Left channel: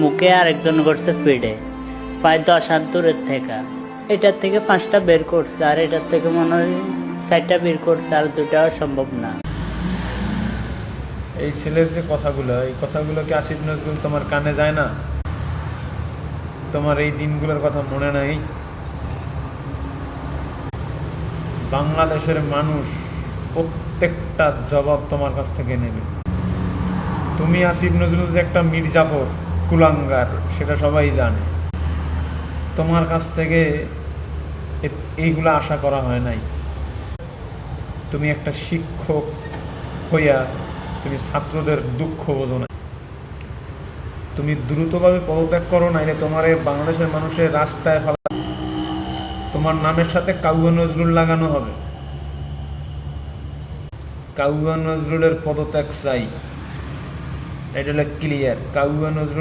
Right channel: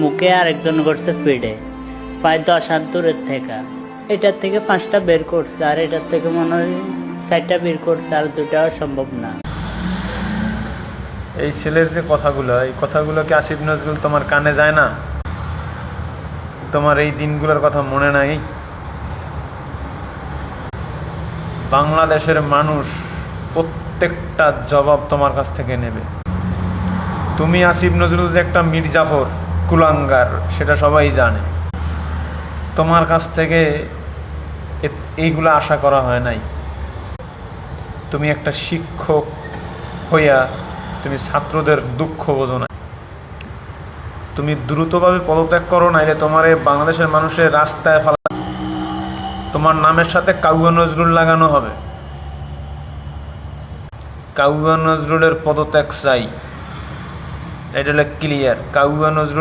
মুখে আরেকজন করছে পিঠে, প্রায় 10 হাত দূরের থেকে। এটার থেকে 5টা বের করছে, আর এটার থেকে মনে হয় 4টা বের করছে, আর 2টাও সম্ভব না। এই ছেলের যে কথাগুলো, এই কথাগুলো কি আসিফ নজরুল তোমার কানে যায় না? তোমার এই দিনগুলোর কথা মনে নাই? বাংলাদেশের মানুষ প্রত্যেকটা জবাব তোমার কাছ থেকে নেবে। তুমি আসিফ নজরুল যে একটা মির্জাফর কুলাঙ্গার, সেটা সবাই জানে। তোমার কাছ থেকে এইগুলো আশা করা হয় নাই। তুমি একটা শিক্ষক হইয়া তুমি ছাত্রদের দুঃখ বোঝো না। তুমি দ্রুতভাবে পদত্যাগ করো, নাইলে তোমার এই বাংলাদেশের মানুষের রাস্তায় ফেলা, তোমার নামের সাথে কাউয়া নজরুল লাগানো হবে। কাউয়া নজরুলের পদত্যাগ চাই, এটা ক্লিয়ার। কাউয়া নজরুল